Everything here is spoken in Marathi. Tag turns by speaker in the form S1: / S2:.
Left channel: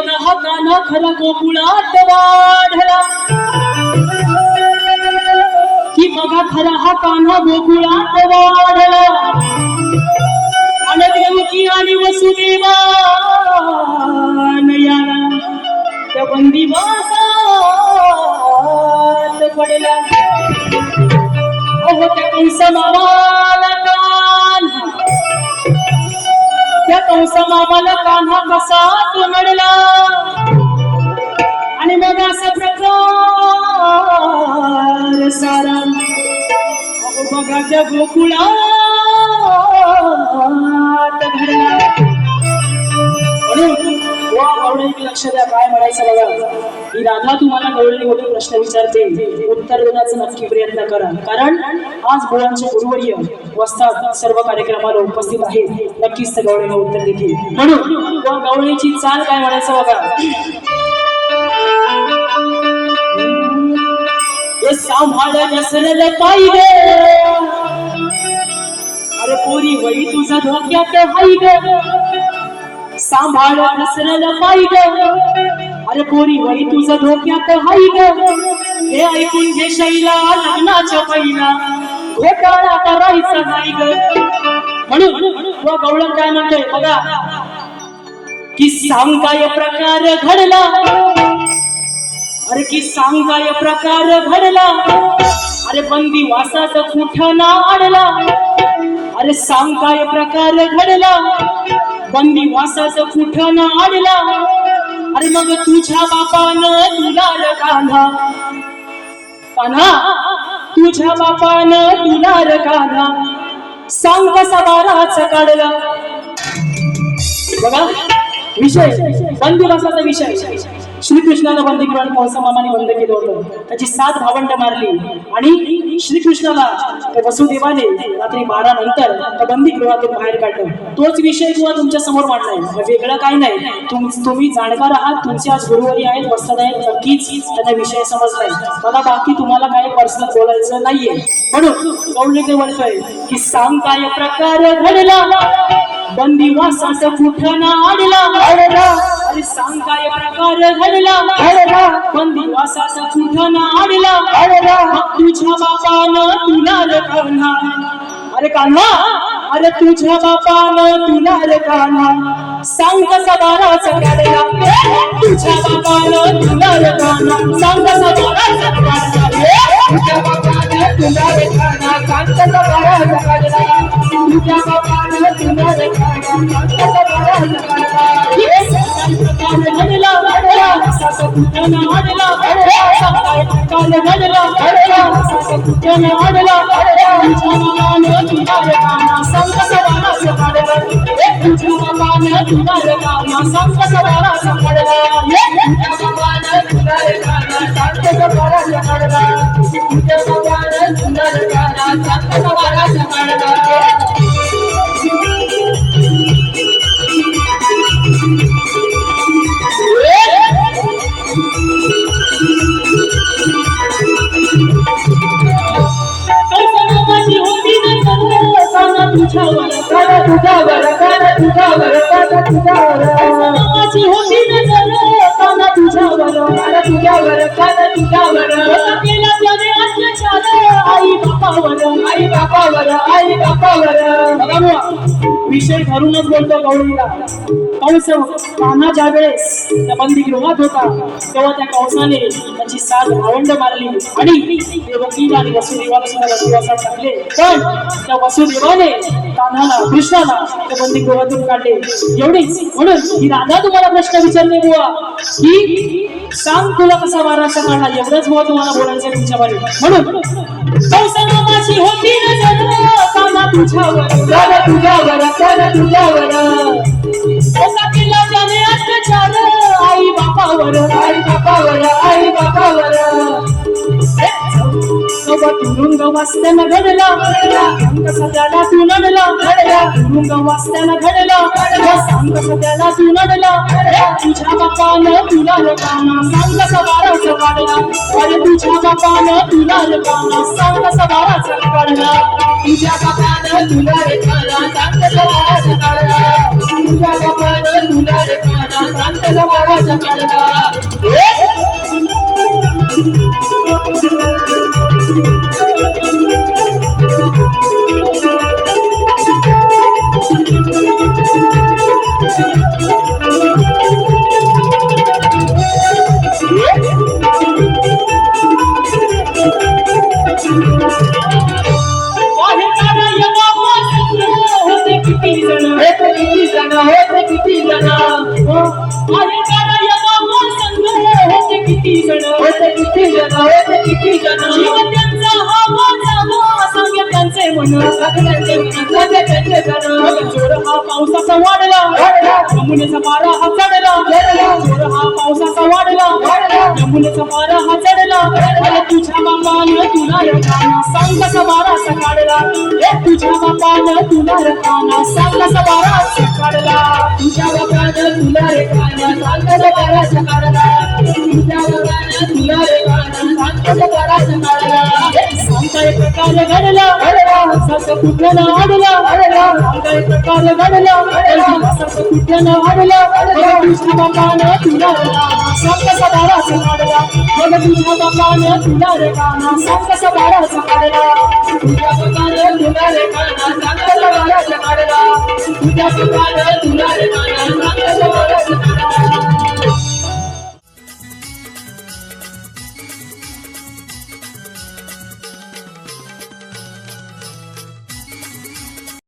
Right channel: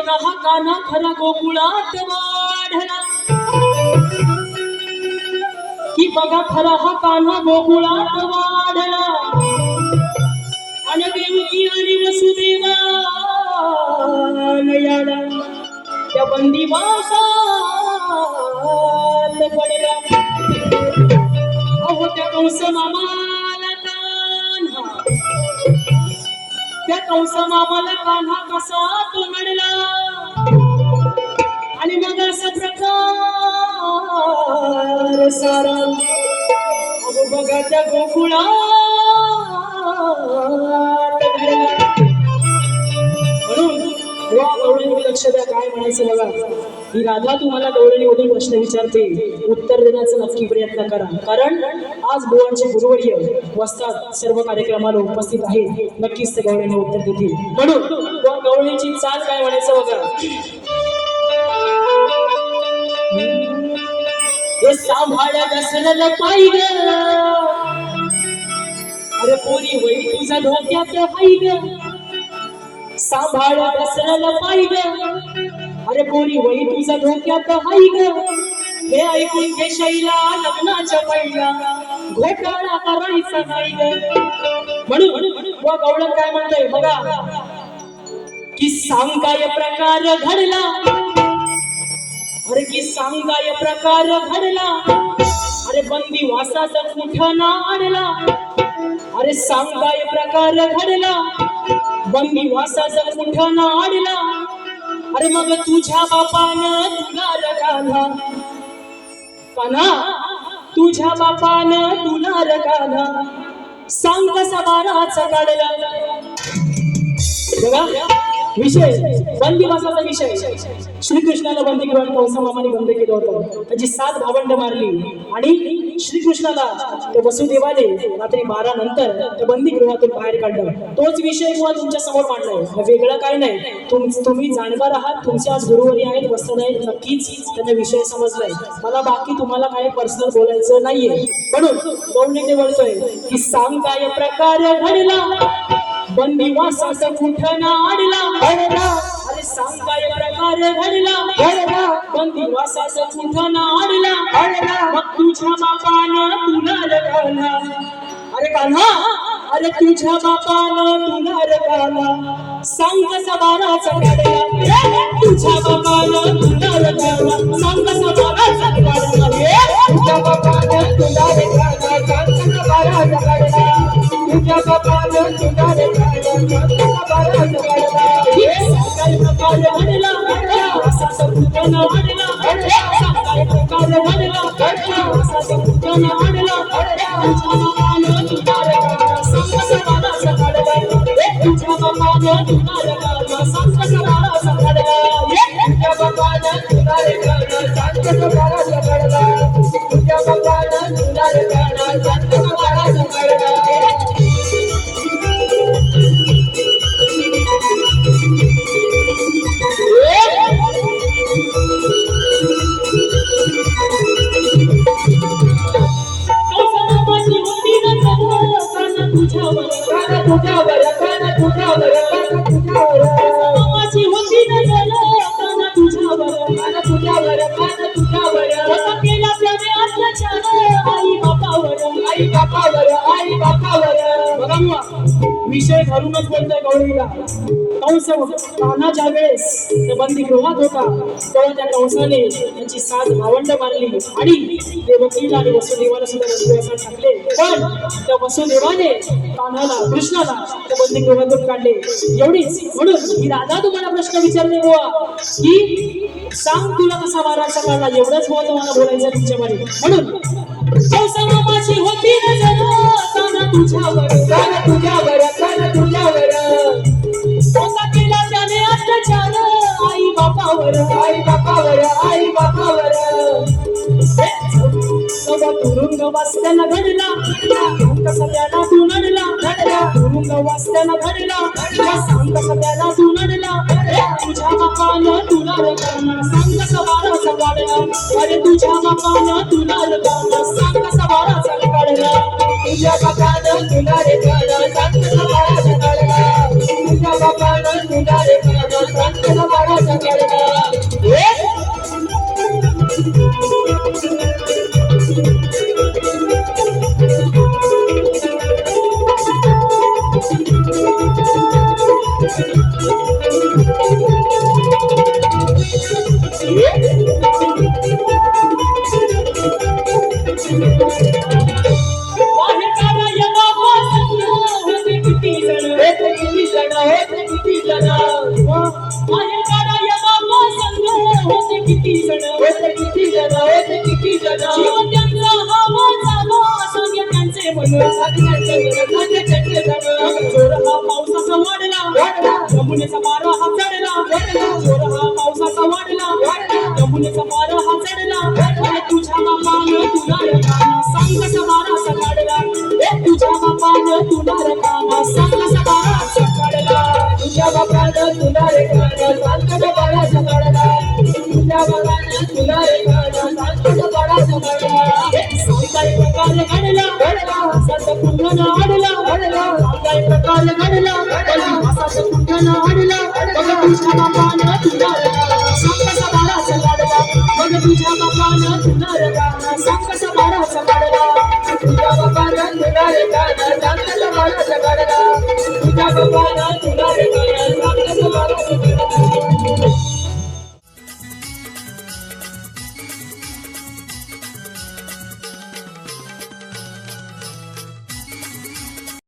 S1: बघा हा काना खरा गोकुळात वाढला. की बघा खरा हा कान्हा गोकुळात वाढला. आणि देवकी आणि वसुदेवा याला त्या बंदिवासात पडला. अहो त्या कंस मामाला कंस मामाला कान्हा कसा तो नडला आणि मग असा प्रकार सारा. बघा त्या गोकुळा वा लक्ष द्या काय म्हणायचं बघा. ही राधा तुम्हाला गवळणीमधून प्रश्न विचारते. उत्तर देण्याचा नक्की प्रयत्न करा. कारण आज बुवांचे गुरुवर्य वस्तात सर्व कार्यक्रमाला उपस्थित आहेत. नक्कीच त्या गवळणीला उत्तर देतील. म्हणून गवळणीची चाल काय म्हणायचं बघा. सांभाळ पाहिजे. अरे पोरी वही तुझा धोक्यात हाय ग. सांभाळ नसलेलं ग अरे पोरी वही तुझं धोक्यात हाय ग. हे ऐकून घे शैला लग्नाच्या पहिला. घोटाळा करायचा नाही ग. म्हणून व गवळण काय म्हणतोय बघा. की सांग काय प्रकार घडला? अरे की सांग काय प्रकार घडला? अरे बंदी वासात कुठं ना आणला? अरे सांग काय प्रकार घडला? बंदी वासात कुठं ना अरे मग तुझ्या बापानं तुला र कान्हा कान्हा तुझ्या बापानं तुला र सांग कसा बाराच काढला. बघा विषय बंदिवासाचा विषय. श्रीकृष्णाला बंदी करून कंसमामाने बंद केलं होतं. त्याची सात भावंड मारली. आणि श्रीकृष्णाला त्या वसुदेवाने रात्री बारा नंतर त्या बंदी गृहातून बाहेर काढलं. तोच विषय किंवा तुमच्यासमोर मांडलाय. म्हणजे वेगळा काही नाही. तुम तुम्ही जाणकार आहात. तुमचे आज गुरुवारी आहेत वस्ताद आहेत. नक्कीच त्यांना विषय समजलाय. मला बाकी तुम्हाला काय पर्सनल बोलायचं नाहीये. म्हणून गौरणी ते बोलतोय की सांग काय प्रकार घडला? बंदिवासाचा कुठं ना आडला अरे सांग काय प्रकार घडला बंदिवासाचा कुठं ना आडला मग तुझ्या बापानं तुला र कान्हा अरे कान्हा. अरे तुझ्या बापानं तुला र कान्हा सांग कसा बाराचा काढला तुझ्या बापानं तुला र कान्हा सांग कसा बाराचा काढला
S2: तुझ्या बापानं तुला रे काढा कांताचा बाराचा काढला तुझ्या बापानं तुला रे
S1: असाचा कुठं काय प्रकार घडला असाचा कुठं ना आडला तुझ्यावर
S2: काना तुझ्यावर काना तुझ्यावर
S1: कौसमाची होती नजर काना तुझ्यावर
S2: काना तुझ्यावर काना
S1: आई बापावर
S2: आई बापावर.
S1: बघा विषय धरूनच बोलतो गौरीला. कंस कान्हा ज्या वेळेस त्या बंदीगृहात होता. तेव्हा त्या कंसाने त्याची सात भावंड मारली. आणि देवकीला आणि वसुदेवाला सुद्धा बंदिवासात टाकले. पण त्या वसुदेवाने कान्हाला कृष्णाला त्या बंदीगृहातून काढले. एवढीच. म्हणून ही राधा तुम्हाला प्रश्न विचारले बुवा. की सांग तुला कसा वाराचा काढला? एवढंच बुवा तुम्हाला बोलायचं तुमच्या मागे म्हणून कंसनामाची होती नजर काना तुझ्यावर
S2: काना तुझ्यावर काना तुझ्यावर
S1: होता केला त्याने अत्याचार आई बापावर
S2: आई बापावर आई बापावर
S1: तुरुंग वाचताना घडला सांग कसा त्याला तू नडला तुरुंग वाचताना घडला सांग कसा त्याला तू नडला तुझ्या बापानं तुला रकाना सांग कसा बाराचा काढला अरे तुझ्या बापानं तुला रकाना सांग कसा बाराचा काढला
S2: तुझ्या बापानं तुला रे काना कांताचा बाराचा काढला तुझ्या बापानं तुला रे काना कांताचा बाराचा बाराचा काढला
S1: पावसाचा वाढला.
S2: वाढला.
S1: यमुनेचा मारा हा चढला. पावसाचा वाढला. यमुनेचा मारा हा चढला. अरे तुझ्या बापानं तुला रकाना सांग कसा बाराचा काढला. ए तुझ्या बापानं तुला रकाना सांग कसा बाराचा काढला.
S2: तुझ्या बापानं तुला रे खाणं सांगत बाराचा काढला. तुझ्या बापानं तुला रे खाणं सांगत बाराचा काढला.
S1: सांगता एक प्रकारे घडला. कुठं ना अडला. एक प्रकारे घडला. कुठं ना अडला. तुझ्या बापानं तुला रे काना सांगस बाळाचा काढला. तुझ्या बकार तुला रे काना सांगस बाळाचा काढला.
S2: तुझ्या बकार